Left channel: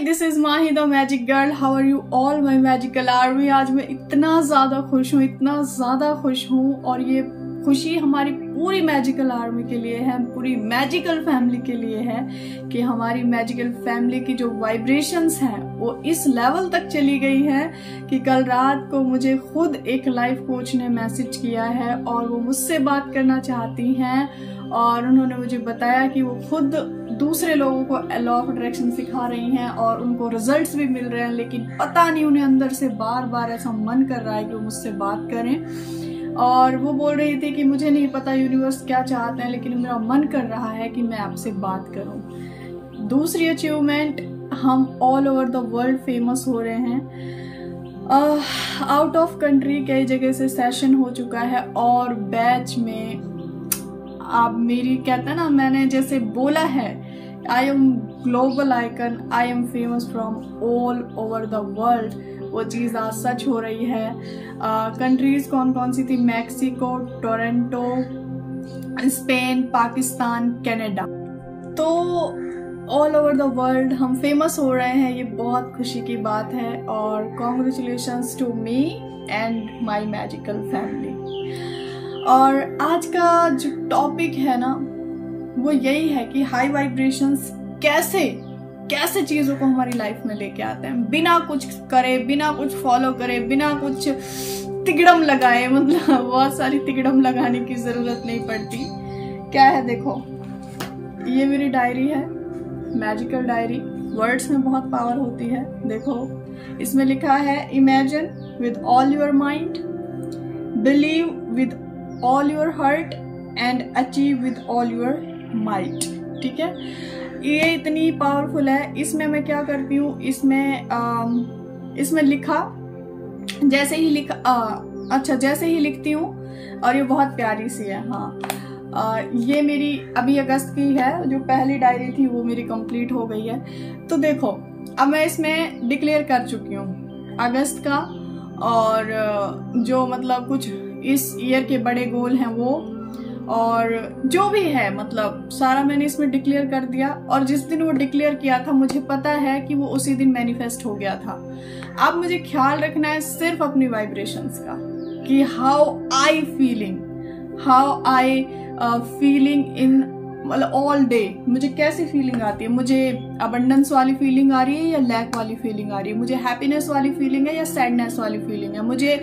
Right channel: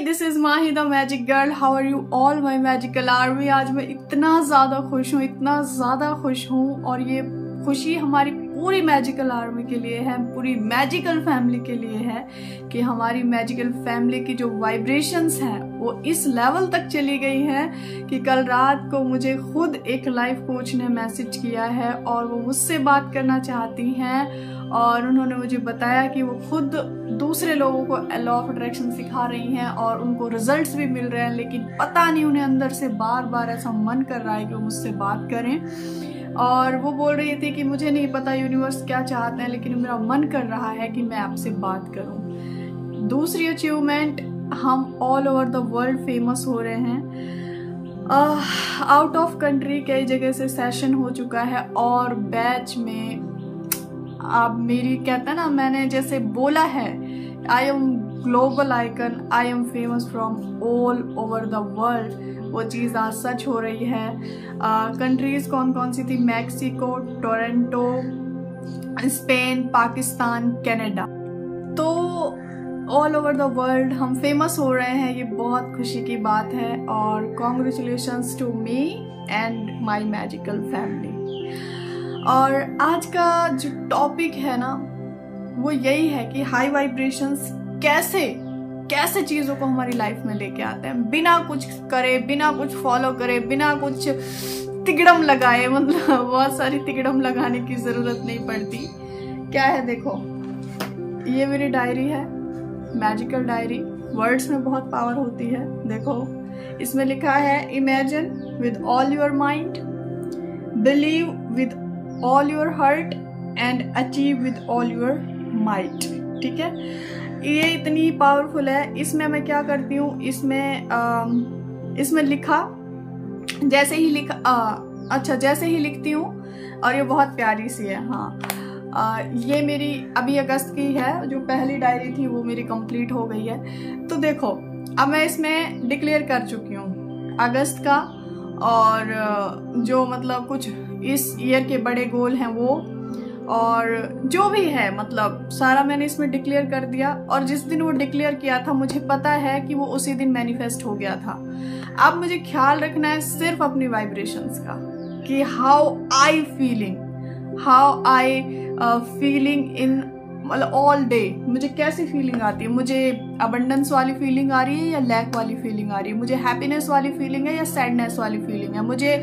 This is Mahi the magic girl. How are you all my magical army. आज मैं इतना ज्यादा खुश हूँ और ये खुशी हमारी पूरी मैजिकल आर्मी के लिए है, पूरी मैजिकल फैमिली के लिए है कि हमारी मैजिकल फैमिली की जो वाइब्रेशंस हैं वो इस लेवल तक चली गई हैं कि कल रात को मुझे खुद एक लाइफ कोच ने मैसेज किया है और वो मुझसे बात करना चाहती हैं और उन्होंने मुझे बताया कि वो खुद दूसरे लोगों को लॉ ऑफ अट्रैक्शन सिखा रही हैं और उनको रिजल्ट्स भी मिल रहे हैं, लेकिन पता नहीं उन्हें अंदर से बार बार ऐसा मन कर रहा है कि वो मुझसे बात करें। और वो बोल रही थी कि मुझे नहीं पता यूनिवर्स क्या चाहते हैं, लेकिन मेरा मन कर रहा है कि मैं आपसे बात करूं। दूसरी अचीवमेंट, हम all over the world famous हो रहे हैं। आउट ऑफ कंट्री कई जगह से सेशन हो चुका है और बैच में आप मेरी कहते हैं ना, मैंने जैसे बोला है I am global icon, I am famous from all over the world, वो चीज़ आज सच हो रही है। कंट्रीज कौन कौन सी थी? Mexico, Toronto, Spain, Pakistan, Canada. तो ऑल ओवर द वर्ल्ड हम फेमस हो रहे हैं, ये बहुत खुशी की बात है और congratulations to me and my magical family. और आज का जो टॉपिक है ना वो यही है कि हाई वाइब्रेशंस कैसे चीजों को हमारी लाइफ में लेके आते हैं, बिना कुछ करे, बिना कुछ फॉलो करे, बिना कुछ तिगड़म लगाए। मतलब बहुत सारी तिगड़म लगाने की जरूरत नहीं पड़ती। क्या है देखो, ये मेरी डायरी है, मैजिकल डायरी। वर्ड्स में बहुत पावर होती है। देखो इसमें लिखा है imagine with all your mind, believe with all your heart and achieve with all your might. ठीक है, ये इतनी पावरफुल है। इसमें मैं क्या करती हूँ, इसमें लिखा जैसे ही लिखती हूँ और ये बहुत प्यारी सी है। हाँ, ये मेरी अभी अगस्त की है, जो पहली डायरी थी वो मेरी कंप्लीट हो गई है। तो देखो अब मैं इसमें डिक्लेयर कर चुकी हूँ अगस्त का, और जो मतलब कुछ इस ईयर के बड़े गोल हैं वो, और जो भी है मतलब सारा मैंने इसमें डिक्लेयर कर दिया। और जिस दिन वो डिक्लेयर किया था मुझे पता है कि वो उसी दिन मैनिफेस्ट हो गया था। अब मुझे ख्याल रखना है सिर्फ अपनी वाइब्रेशंस का कि हाउ आई फीलिंग इन मतलब ऑल डे, मुझे कैसी फीलिंग आती है। मुझे अबंडेंस वाली फीलिंग आ रही है या लैक वाली फीलिंग आ रही है, मुझे हैप्पीनेस वाली फीलिंग है या सैडनेस वाली फीलिंग है, मुझे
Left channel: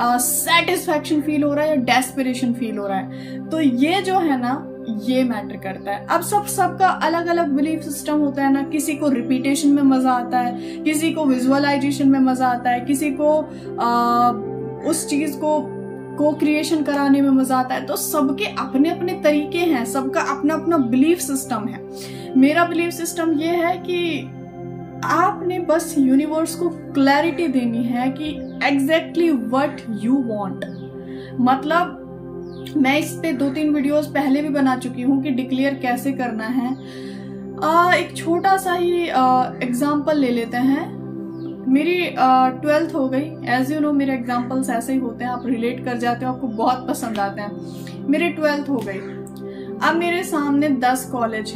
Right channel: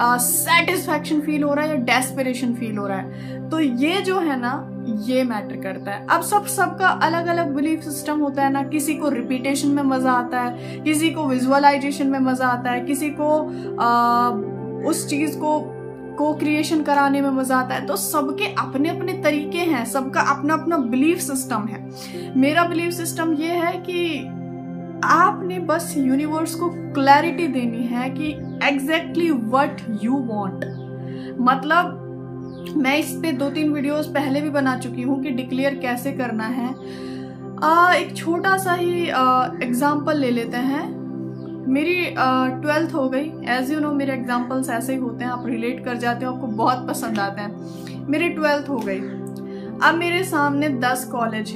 सेटिस्फैक्शन फील हो रहा है या डेस्परेशन फील हो रहा है। तो ये जो है ना ये मैटर करता है। अब सबका अलग अलग बिलीफ सिस्टम होता है ना। किसी को रिपीटेशन में मजा आता है, किसी को विजुअलाइजेशन में मजा आता है, किसी को उस चीज को क्रिएशन कराने में मजा आता है। तो सबके अपने अपने तरीके हैं, सबका अपना अपना बिलीफ सिस्टम है। मेरा बिलीफ सिस्टम ये है कि आपने बस यूनिवर्स को क्लैरिटी देनी है कि एग्जैक्टली व्हाट यू वांट। मतलब मैं इस पे 2-3 वीडियोस पहले भी बना चुकी हूँ कि डिक्लेयर कैसे करना है। एक छोटा सा ही एग्जाम्पल ले लेते हैं। मेरी 12th हो गई। एज यू नो मेरे एग्जाम्पल्स ऐसे ही होते हैं, आप रिलेट कर जाते हो, आपको बहुत पसंद आते हैं। मेरी 12th हो गई। अब मेरे सामने 10 कॉलेज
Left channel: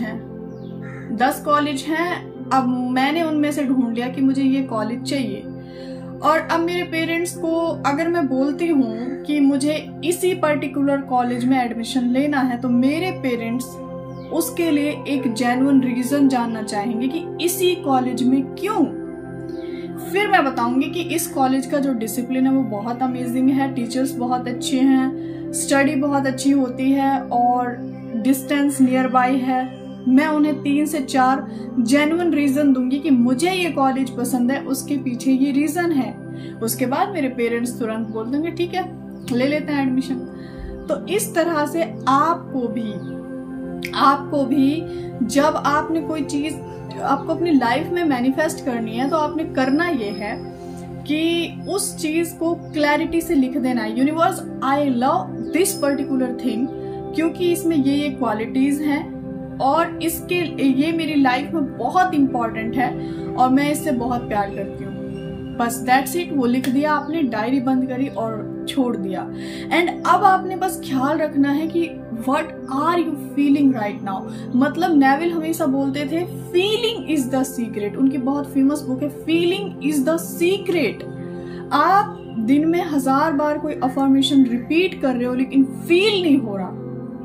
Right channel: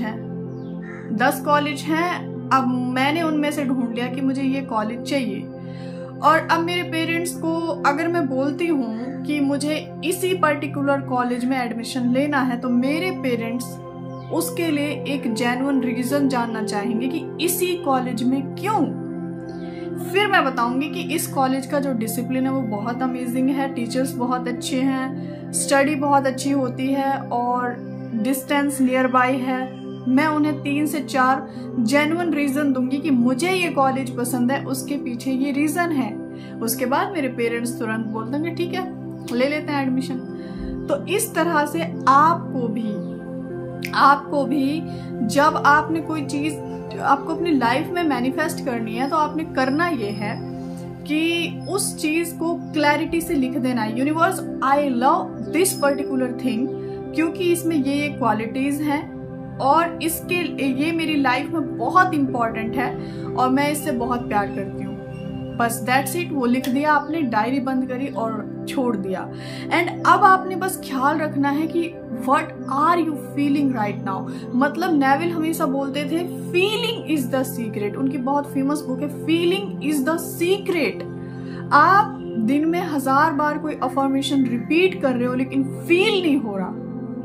हैं। अब मैंने उनमें से ढूंढ लिया कि मुझे ये कॉलेज चाहिए। और अब मेरे पेरेंट्स को अगर मैं बोलती हूँ कि मुझे इसी पर्टिकुलर कॉलेज में एडमिशन लेना है, तो मेरे पेरेंट्स उसके लिए एक जेन्युइन रीजन जानना चाहेंगे कि इसी कॉलेज में क्यों। फिर मैं बताऊंगी कि इस कॉलेज का जो डिसिप्लिन है वो बहुत अमेजिंग है, टीचर्स बहुत अच्छे हैं, स्टडी बहुत अच्छी होती है और डिस्टेंस नियर बाय है। मैं उन्हें 3 से 4 जेन्युइन रीजन दूंगी कि मुझे ये कॉलेज पसंद है, उसके पीछे ये रीजन है। उसके बाद मेरे पेरेंट्स तुरंत बोल देंगे ठीक है ले लेते हैं एडमिशन। तो इस तरह से आपको भी जब आपने कोई चीज आपको अपनी लाइफ में मैनिफेस्ट करनी है तो आपने करना ये है कि उस चीज को क्लैरिटी से लिख देना है। Universe, I love this particular thing क्योंकि इसमें ये क्वालिटीज हैं और ये मेरी लाइफ में बहुत इंपॉर्टेंट है और मैं इससे बहुत प्यार करती हूँ। बस दैट्स इट। वो लिख दिया आपने, डायरी बंद करी और छोड़ दिया। एंड अब आपने बस ख्याल रखना है कि what are you feeling right now. मतलब नेविल हमेशा बोलते थे फीलिंग इज द सीक्रेट, उनकी बहुत फेमस बुक है फीलिंग इज द सीक्रेट। आप दिन में 1000 बार कोई अफर्मेशन रिपीट कर रहे हो लेकिन फील नहीं हो रहा,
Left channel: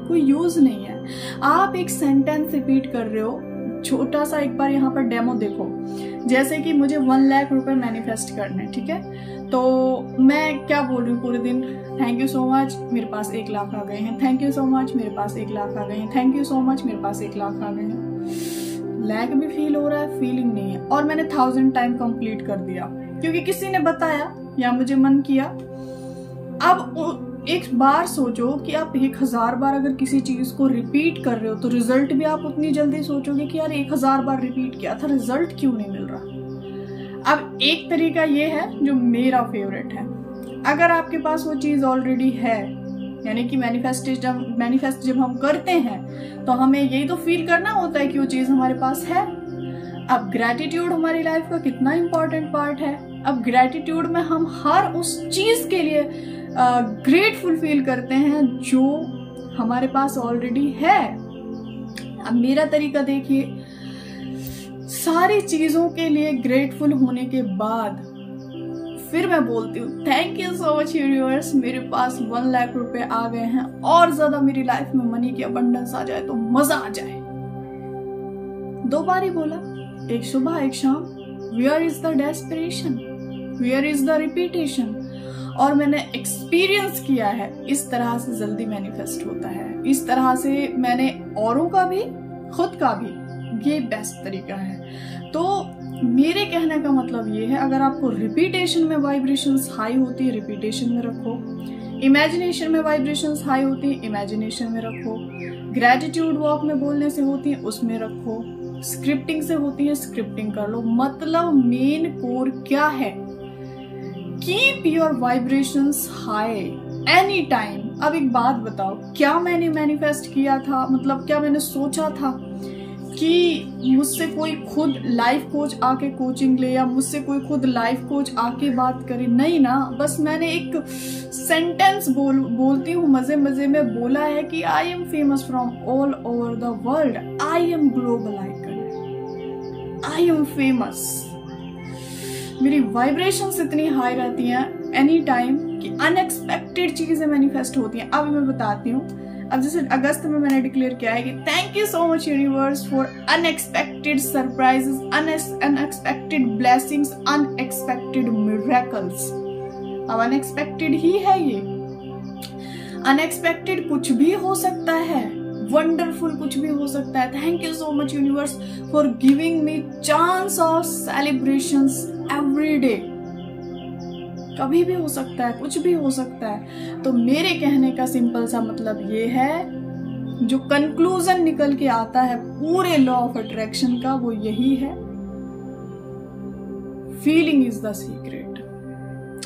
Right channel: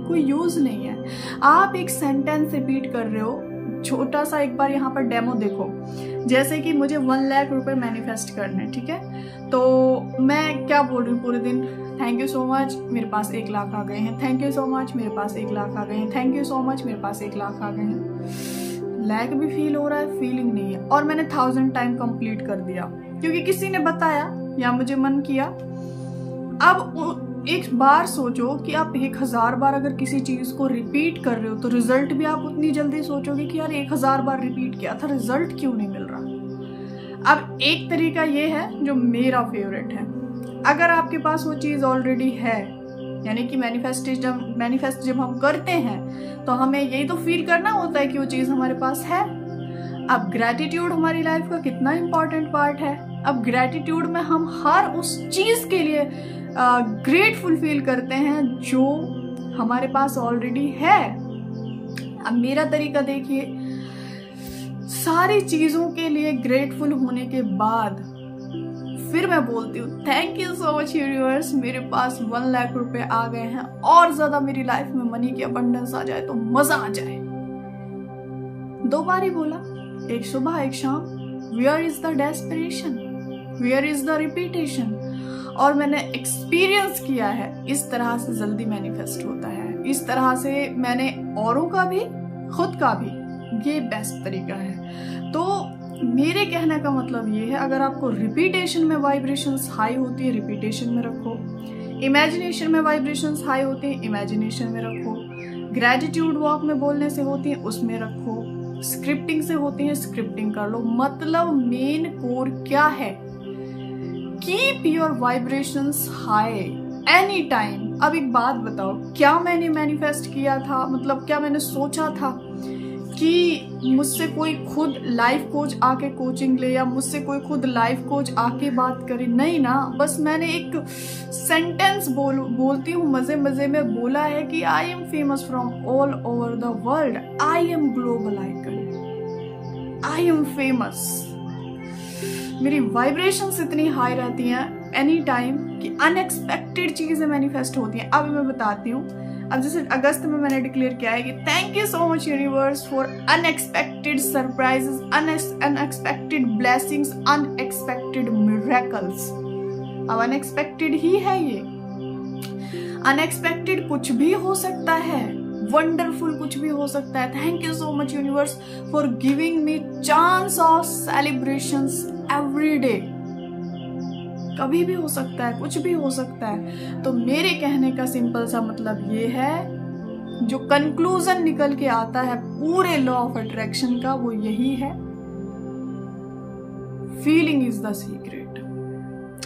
कोई यूज नहीं है। आप एक सेंटेंस रिपीट कर रहे हो, छोटा सा एक बार यहाँ पर डेमो देखो। जैसे कि मुझे 1 लाख रुपए मैनिफेस्ट करने, ठीक है, तो मैं क्या बोल रही हूँ पूरे दिन, थैंक यू सो मच मेरे पास 1 लाख आ गए हैं, थैंक यू सो मच मेरे पास 1 लाख आ गए हैं, थैंक यू सो मच मेरे पास 1 लाख आ गए हैं। लैक भी फील हो रहा है, फीलिंग नहीं है। और मैंने 1000 टाइम कंप्लीट कर दिया क्योंकि किसी ने बताया या मुझे मन किया। अब एक बार सोचो कि आप 1000 बार अगर किसी चीज को रिपीट कर रहे हो तो रिजल्ट भी आप उतनी जल्दी सोचोगे कि यार 1000 बार रिपीट किया था, रिजल्ट क्यों नहीं मिल रहा। अब एक तरीका ये है जो मेरा फेवरेट है, अगर आपके पास वो चीज ऑलरेडी है, यानी कि मैनिफेस्ट जब हम करते हैं तो हमें यही तो फील करना होता है कि वो चीज हमारे पास है। अब ग्रैटिट्यूड हमारी लाइफ का कितना इंपॉर्टेंट पार्ट है। अब ग्रैटिट्यूड में हम हर उस चीज के लिए ग्रेटफुल फील करते हैं जो हमारे पास ऑलरेडी है। अब मेरा तरीका देखिए, सारी चीजों के लिए ग्रेटफुल होने के बाद फिर मैं बोलती हूँ thank you so much universe, मेरे पास 1 लाख रुपए आ गए हैं, और ज्यादा मेरी लाइफ में मनी की अबंडेंस आ जाए तो मजा आ जाए। 2 बार ही बोला, एक सुबह एक शाम। Where is the desperation, where is the repetition. और मैंने एक्सपीरियंस किया है इस तरह से जल्दी मैनिफेस्ट होता है, इस तरह से मैंने औरों का भी खुद का भी, ये बेस्ट तरीका है। तो मेरे कहने का मतलब ये है, अगर आपको रिपीटेशन में वाइब्रेशंस हाई होती है रिपीटेशन में रखो, इमेजिनेशन में वाइब्रेशंस हाई होती है इमेजिनेशन में रखो, ग्रेटिट्यूड वॉक में बोलने से होती है उसमें रखो, स्क्रिप्टिंग से होती है स्क्रिप्टिंग कर लो। मतलब मेन कोर क्या है, keep your vibrations high any time. अब एक बात बताओ, क्या मैंने मैनिफेस्ट किया था, मतलब क्या मैंने सोचा था कि मुझसे कोई खुद लाइफ कोच आके कोचिंग ले या मुझसे कोई खुद लाइफ कोच आके बात करे? नहीं ना, बस मैंने एक सेंटेंस बोलती हूँ मजे मजे में बोला है कि I am famous from all over the world, I am global icon, I am famous. मेरी वाइब्रेशंस इतनी हाई रहती हैं एनी टाइम कि अनएक्सपेक्टेड चीजें मैनिफेस्ट होती हैं। अब मैं बताती हूँ, अब जैसे अगस्त में मैंने डिक्लेयर किया है कि thank you so much universe for unexpected surprises, unexpected blessings, unexpected miracles. अब अनएक्सपेक्टेड ही है ये, अनएक्सपेक्टेड कुछ भी हो सकता है, वंडरफुल कुछ भी हो सकता है। Thank you so much universe for giving me chance of celebrations every day. कभी भी हो सकता है, कुछ भी हो सकता है। तो मेरे कहने का सिंपल सा मतलब ये है, जो कंक्लूजन निकल के आता है पूरे लॉ ऑफ अट्रैक्शन का, वो यही है, feeling is the secret.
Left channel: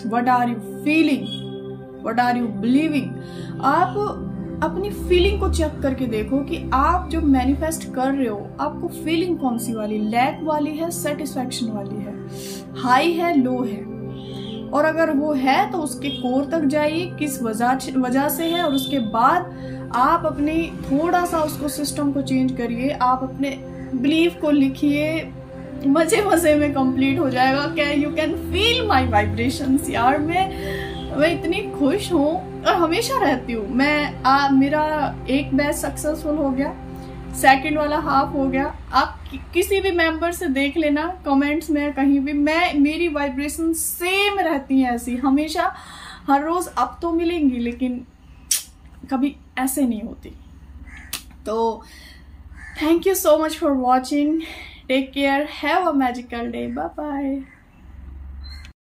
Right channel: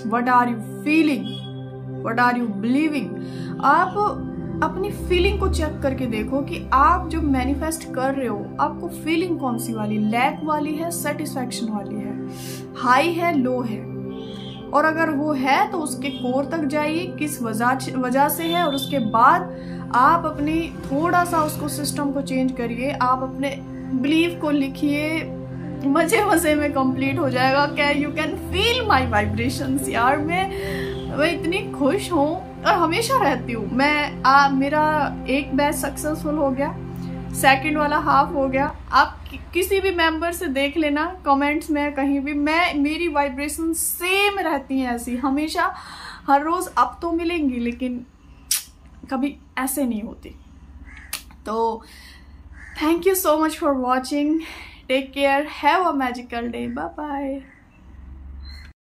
What are you feeling, what are you believing. आप अपनी फीलिंग को चेक करके देखो कि आप जो मैनिफेस्ट कर रहे हो, आपको फीलिंग कौन सी वाली, लैक वाली है, सेटिस्फैक्शन वाली है, हाई है, लो है। और अगर वो है तो उसके कोर तक जाइए, किस वजह से है, और उसके बाद आप अपनी थोड़ा सा उसको सिस्टम को चेंज करिए, आप अपने बिलीफ को लिखिए, मजे मजे में कंप्लीट हो जाएगा। क्या you can feel my vibrations. यार मैं इतनी खुश हूँ और हमेशा रहती हूँ मैं। मेरा एक बैच सक्सेसफुल हो गया, सेकंड वाला हाफ हो गया। आप किसी भी मेंबर से देख लेना कमेंट्स में, कहीं भी मेरी वाइब्रेशन सेम रहती है ऐसी हमेशा, हर रोज। अब तो मिलेंगी लेकिन कभी ऐसे नहीं होती। तो thank you so much for watching, take care, have a magical day, bye bye.